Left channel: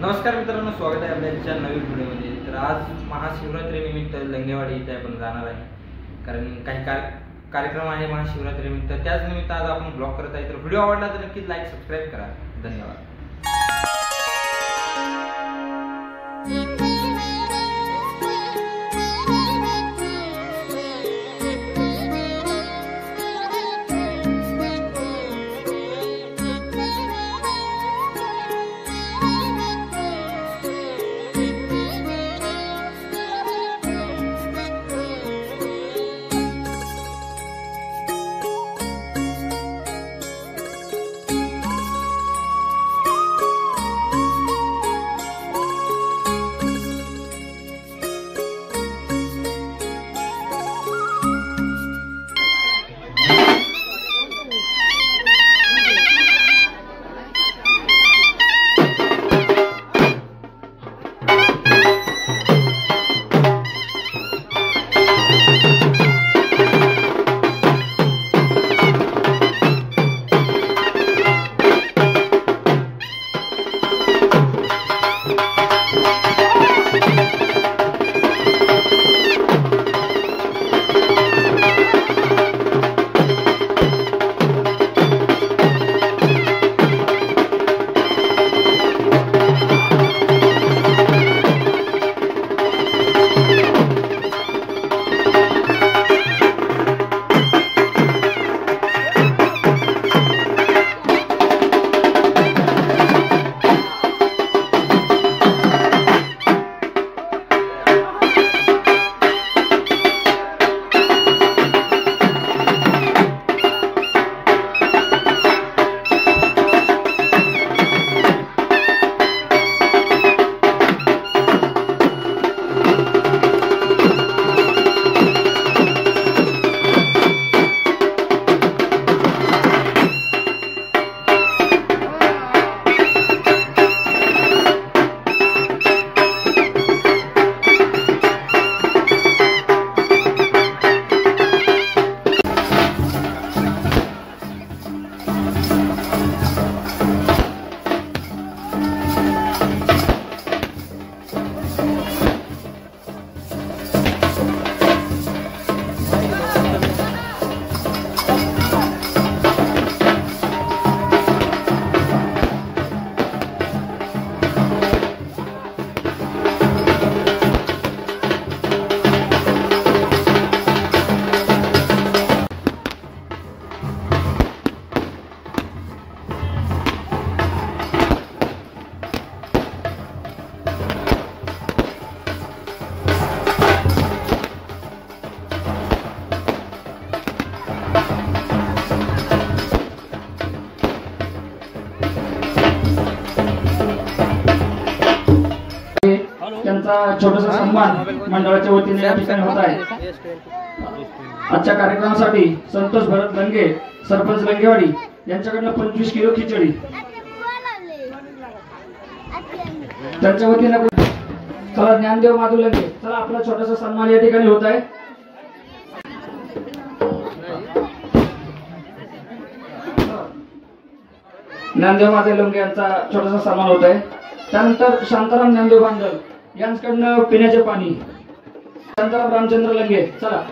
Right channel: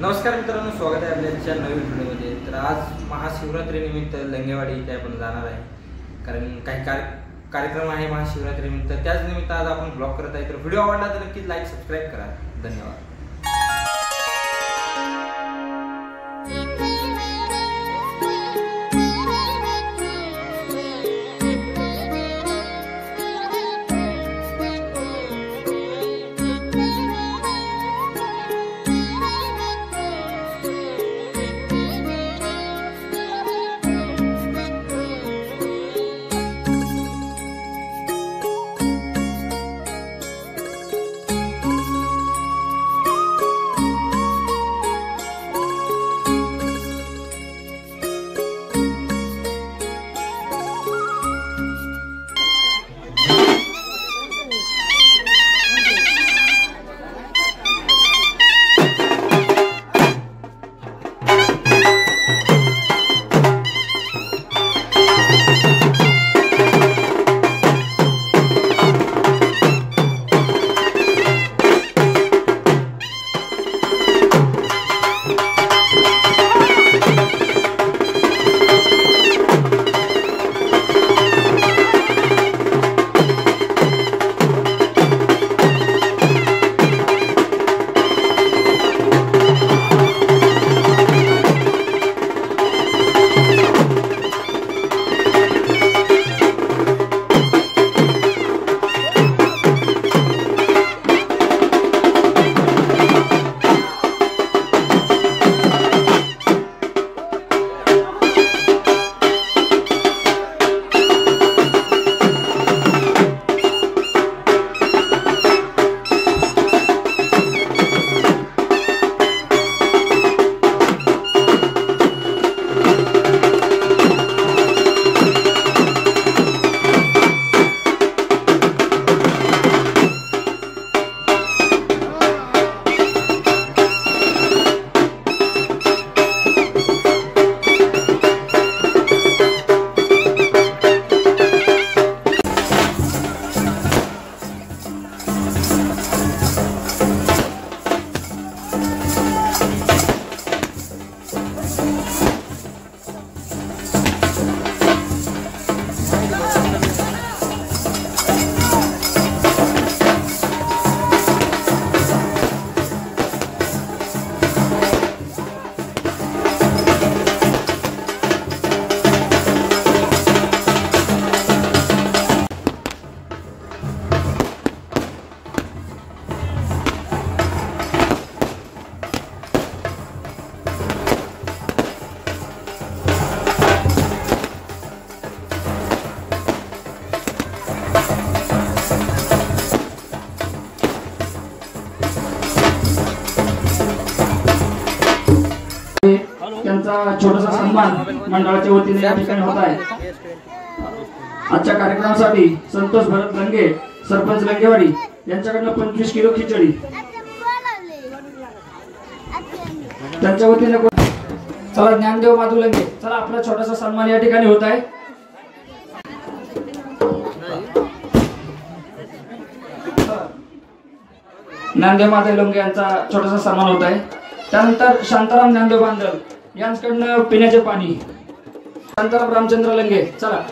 नमस्कार मित्रांनो, स्वागत आहे आपल्या नवीन व्हिडिओमध्ये। तर आज महाशिवरात्रीनिमित्त लंगेवाडी इथे आपण जाणार आहे, कारण काही कार्यक्रम आहे महाशिवरात्रीनिमित्त। त्याच निमित्त आज आपण ब्लॉग करत आहे। तर व्हिडिओ आवडला तर नक्कीच लाईक सबस्क्राईब करा। धन्यवाद। छोटासा सन्मान मंडळाच्या वतीने या ठिकाणी होत आहे। आजच्या कार्यक्रमासाठी संतोष भरत लंगे, सरपंच लंगेवाडी यांच्याकडून 25 किलो खिचडी त्यांच्या वतीने। चला ज्ञानदेव माधू लंगे, चला आपला छोटासा सन्मान या ठिकाणी होत आहे। ज्ञानदेव माधव लंगे यांचा छोटासा सन्मान होत आहे। त्यानंतर शांताराम ज्ञानदेव बांधल यांच्याकडनं पिण्याचे पाणी, शांताराम रामचंद्र लंगे, चला।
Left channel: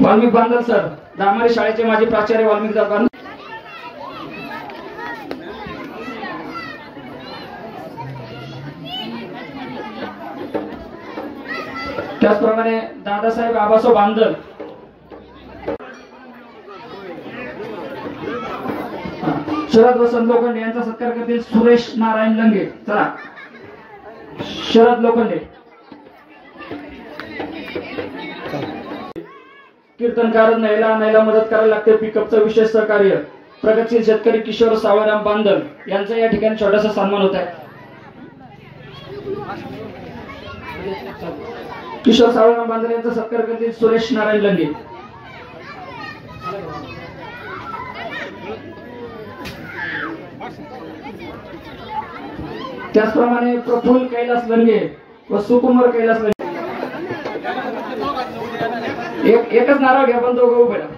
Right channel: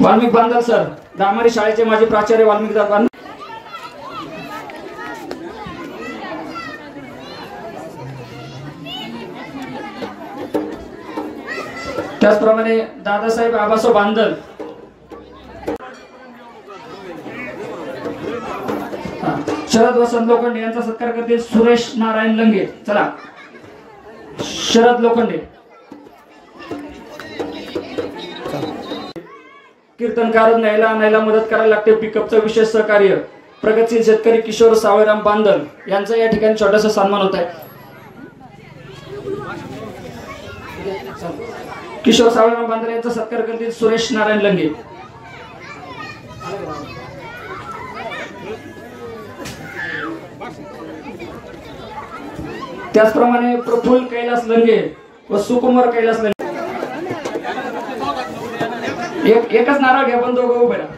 वाल्मिक बांधल सर, दामारी शाळेचे माजी प्राचार्य वाल्मिक दादा। त्याचप्रमाणे दादासाहेब आबासो बांधल, शरद वसंत लोखंडे यांचा सत्कार करतील सुरेश नारायण लंगे, चला। शरद लोखंडे, कीर्तनकार नैला मदत करायला लागते, पिकअपचं विशेष सहकार्य प्रगतशील शेतकरी किशोर सावळराम बांधल यांचा या ठिकाणी छोटासा सन्मान होत आहे। किशोर सावळराम बांधल यांचा सत्कार करतील सुरेश नारायण लंगे। त्याचप्रमाणे प्रफुल्ल कैलास लंगे व सुकुमार कैलास लंगे एकच नारळ घे पण दोघं उभे राहा.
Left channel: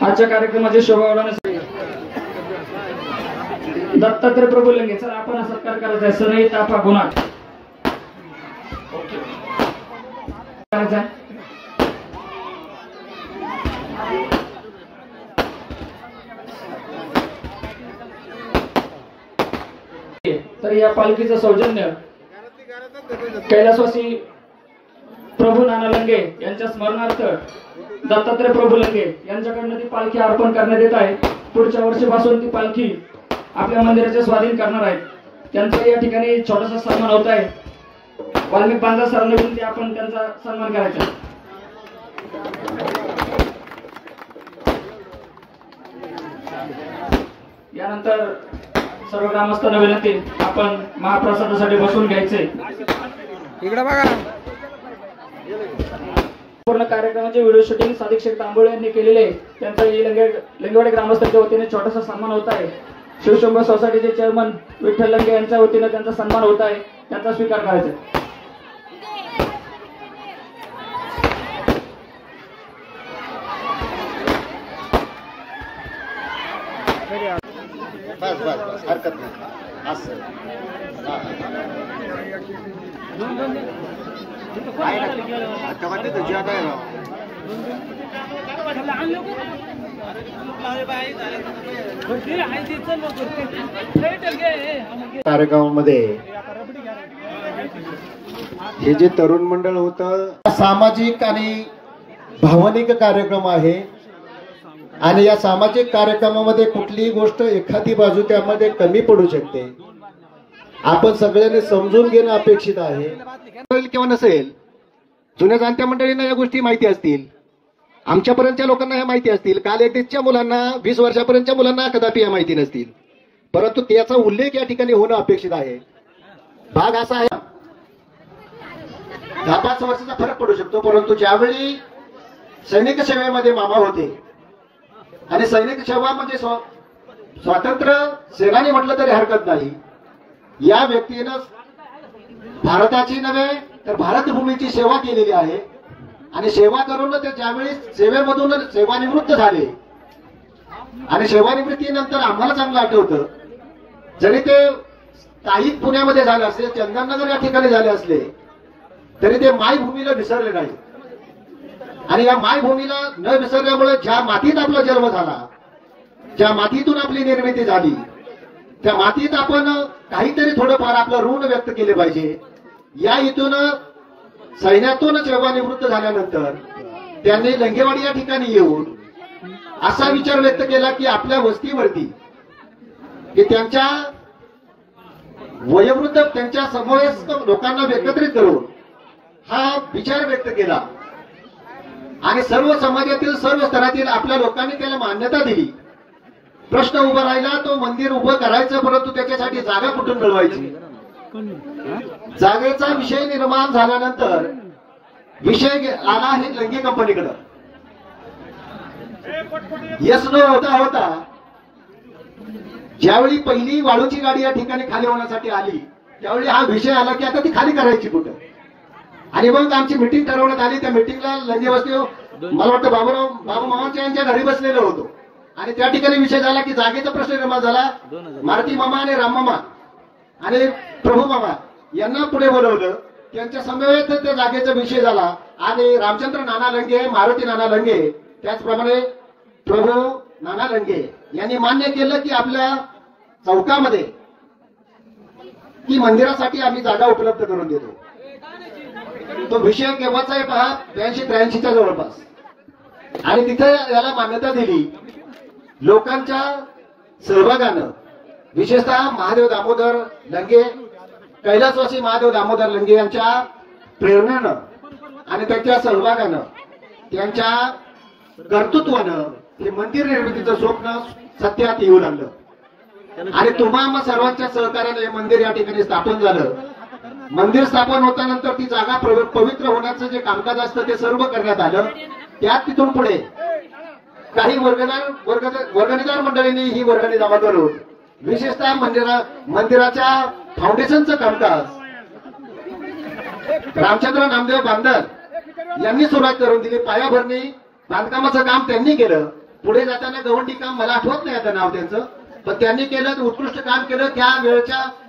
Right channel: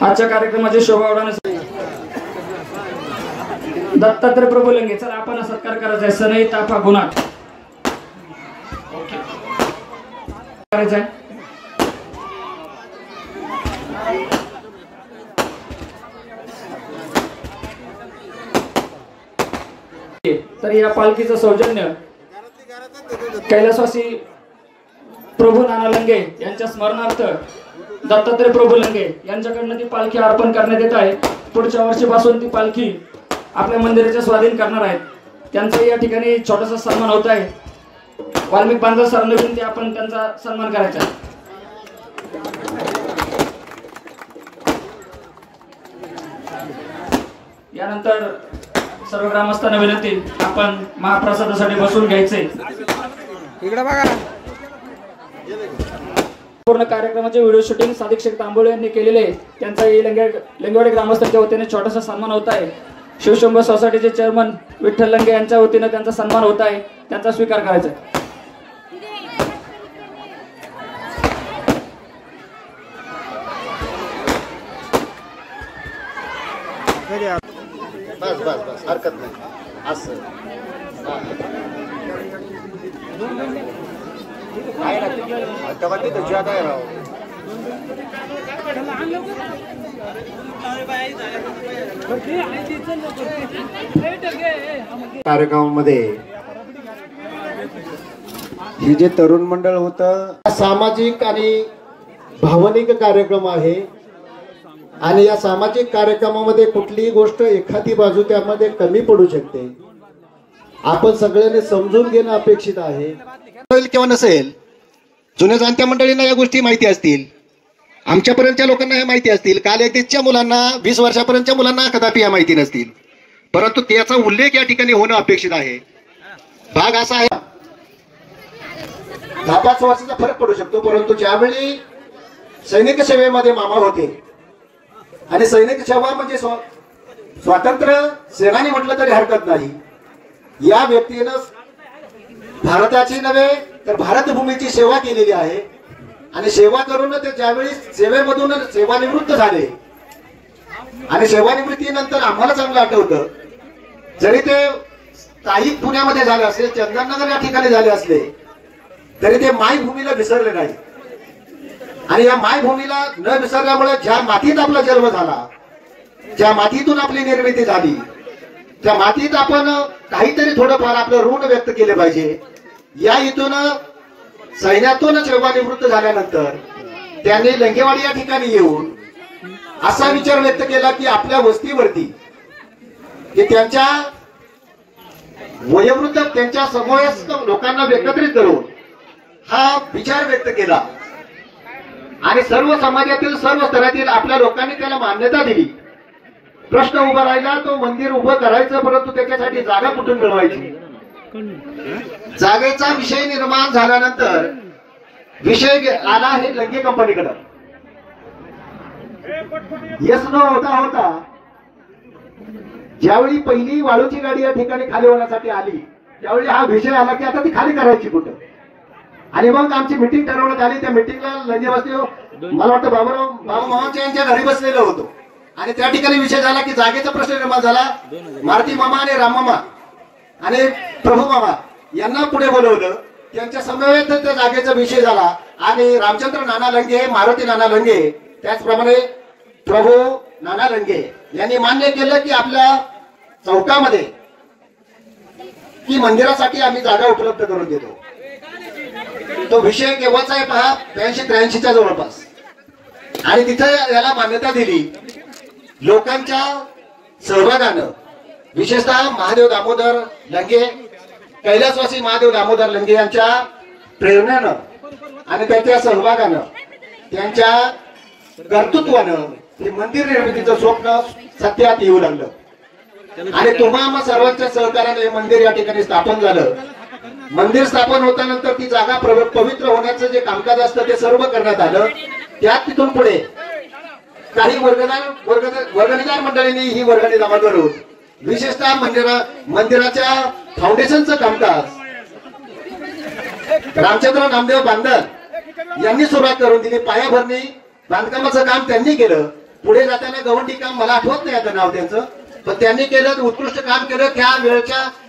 आजच्या कार्यक्रमाची शोभा वाढवण्यासाठी दत्तात्रय प्रभू लंगे चला आपण सत्कार करायचा आहे. सनई ताफा गुणाट करायचा आहे. तर या पालखीचं सौजन्य कैलासवासी प्रभू नाना लंगे यांच्या स्मरणार्थ दत्तात्रय प्रभू लंगे यांच्याकडनं ती पालखी अर्पण करण्यात येत आहे. पुढच्या वर्षीपासून ती पालखी आपल्या मंदिराच्या स्वाधीन करणार आहेत. त्यांचा या ठिकाणी छोटासा सन्मान होत आहे. वाल्मिक बांधव सरांना विनंती आपण त्यांचा सन्मान करायचा. यानंतर सर्व ग्रामस्थांना विनंती आपण महाप्रसादासाठी बसून घ्यायचे. इकडे बघा. पूर्ण कार्यक्रमाचे व्हिडिओ शूटिंग सादिक शेख तांबोळे यांनी केलेले त्यांचा लंगेवाडी ग्रामस्थांच्या वतीने छोटासा सन्मान होत आहे. शिवशंभो सोसायटीचे चेअरमन विठ्ठल लंगे यांच्या वतीने त्यांचा सन्मान होत आहे. त्यांचा स्वीकार करायचा. बस बस बस हरकत नाही असं कार्यक्रमामध्ये हे जे तरुण मंडळ होतं सामाजिक आणि भावनिक कार्यक्रम आहे आणि या सामाजिक कार्यक्रमामध्ये कुठलीही गोष्ट एखादी बाजू त्यामध्ये कमी पडू शकते. आपण सगळ्यांनी समजून घेणं अपेक्षित आहे. किंवा नसेल जुन्या जाणत्या मंडळींना या गोष्टी माहिती असतील. आमच्यापर्यंतच्या लोकांना ह्या माहिती असतील. कालएकच्या मुलांना 20 वर्षापर्यंतच्या मुलांना कदापि या माहिती नसतील. परंतु त्याचा उल्लेख या ठिकाणी होणं अपेक्षित आहे. भाग असा आहे 10-5 वर्षाचा फरक पडू शकतो. परंतु ज्यावेळी सैनिक सेवेमध्ये मामा होते आणि सैनिक सेवा म्हणजे स्वातंत्र्य सेनानी म्हटलं तरी हरकत नाही. या व्यक्तीनं भारताची नव्हे तर भारतभूमीची सेवा केलेली आहे आणि सेवा करून ते ज्यावेळी सेवेमधून सेवानिवृत्त झाले आणि सेवानिवृत्तीनंतर आम्हाला चांगलं आठवतं जरी ते स्थायिक पुण्यामध्ये झाले असले चंदननगर या ठिकाणी झाले असले तरी ते मायभूमीला विसरले नाही. आणि या मायभूमीला न विसरल्यामुळे ज्या मातीत आपला जन्म झाला ज्या मातीतून आपली निर्मिती झाली त्या मातीत आपण काहीतरी थोडंफार आपलं ऋण व्यक्त केले पाहिजे. या इथून सैन्यातून सेवानिवृत्त झाल्यानंतर त्यांनी लंगेवाडी या ठिकाणी येऊन असा विचार व्यक्त केला की आपल्या वस्तीवरती की त्यांच्या वयोवृद्ध त्यांच्या समवयस्क लोकांना एकत्रित करून हा विचार व्यक्त केला आणि सर्व समाजातील सर्व स्तरातील आपल्या लोकांनी त्याला मान्यता दिली. प्रश्न उभा राहिला तो मंदिर उभं करायचं परंतु त्याच्यासाठी जागा कुठून मिळवायची. जागेचा विषय निर्माण झाल्यानंतर विषय आला आहे लंगे कंपनीकडे. यस नो होता होता ज्यावेळी पहिली वाळूची गाडी या ठिकाणी खाली होण्यासाठी आली त्यावेळी हा विषय आला की आता ती खाली करायची कुठं. आणि मग आमची मिटिंग ठरवण्यात आली. त्या मिटिंगला लंगे वस्ती मला वाटतं बाबा मामांच्या यांच्या घरी बसलेलो होतो आणि त्या ठिकाणी विषय झाला की जागेचा प्रश्न निर्माण झाला. मारुती मामा आणि राम मामा आणि प्रभू मामा यांना पुढे बोलवलं. त्यांच्या समवेत त्या जागेचा विषय झाला आणि रामचंद्र नाना लंगे मारुती नाना लंगे त्याचप्रमाणे प्रभू नाना लंगे यांनी मान्य केलं की आपल्या चौकामध्ये की मंदिरासाठी आम्ही जागा उपलब्ध करून देतो. तो विषय केव्हाचा आहे पहा 82-83च्या जवळपास आणि तिथे याला मान्यता दिली. लोकांच्या सहभागानं विशेषतः महादेव दामोदर लंगे कैलासवासी महादेव दामोदर लंगे यांच्या प्रेरणेनं आणि त्यांच्या सहभागानं त्यांच्या कर्तृत्वानं हे मंदिर निर्मितीचं स्वप्न सत्यात येऊ लागलं आणि तुम्हा सर्वांच्या सहकार्याने हे मंदिर या ठिकाणी स्थापन झालं. मंदिर स्थापन होतानंतर ती जागा पवित्र होण्याचं जे कामकाज असतं ते सर्व करण्यात आलं. त्यात तिथून पुढे काही वर्गणीदार मंडळींनी ही वर्गणी जमा करून विशेषतः मंदिराच्या फाउंडेशनचं कामकाज रामचंद्र नामदेव बांधल यांनी सुरुवात करून दिली. पायाभरणी बांधकामाचं काम त्यांनी केलं. पुढे जाताना गवंडी काम, मला आठवत नाही आता नाव त्यांचं, पण त्यांनी केलं, उत्कृष्ट काम केलं.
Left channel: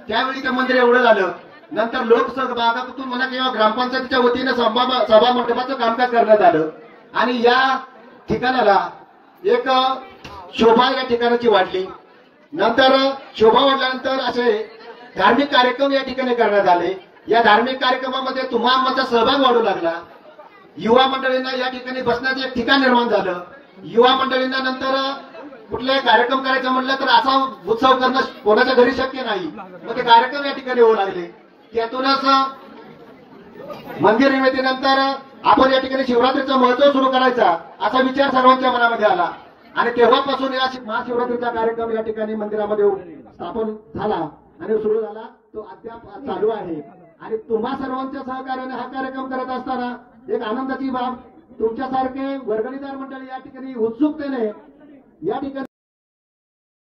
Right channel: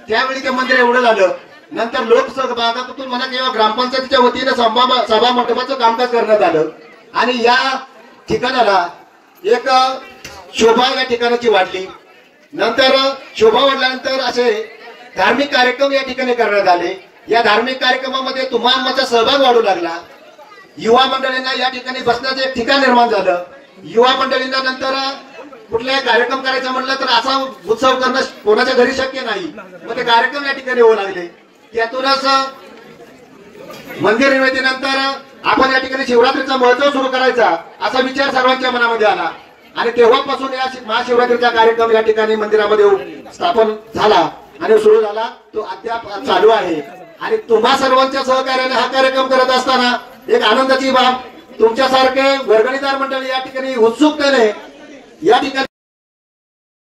त्यावेळी ते मंदिर एवढं झालं. नंतर लोकसहभागातून म्हणा किंवा ग्रामपंचायतीच्या वतीनं सभा मंडपाचं कामकाज करण्यात आलं आणि या ठिकाणाला एक शोभा या ठिकाणाची वाढली. नंतर शोभा वाढल्यानंतर असे धार्मिक कार्यक्रम या ठिकाणी करण्यात आले. या धार्मिक कार्यक्रमामध्ये तुम्हाला सहभाग वाढू लागला. युवा मंडळींना या ठिकाणी बसण्याचं एक ठिकाण निर्माण झालं. युवा मंडळींना नंतर कुठलाही कार्यक्रम करायचा म्हटलं तर असा उत्सव करणं कोणाच्या घरी शक्य नाही, मग ते कार्यक्रम या ठिकाणी होऊ लागले. त्यातूनच मंदिर निर्मितीनंतर आपण या ठिकाणी शिवरात्रीचा महोत्सव सुरू करायचा असा विचार सर्वांच्या मनामध्ये आला आणि तेव्हापासून या महाशिवरात्रीचा कार्यक्रम या ठिकाणी मंदिरामध्ये स्थापन झाला आणि सुरू झाला. तो अद्याप चालू आहे आणि तुम्हा सर्वांच्या सहकार्याने हा कार्यक्रम करत असताना एक आनंदाची बाब, तुमच्यासारखे वर्गणीदार मंडळी या ठिकाणी उत्सुकतेने या ठिकाणी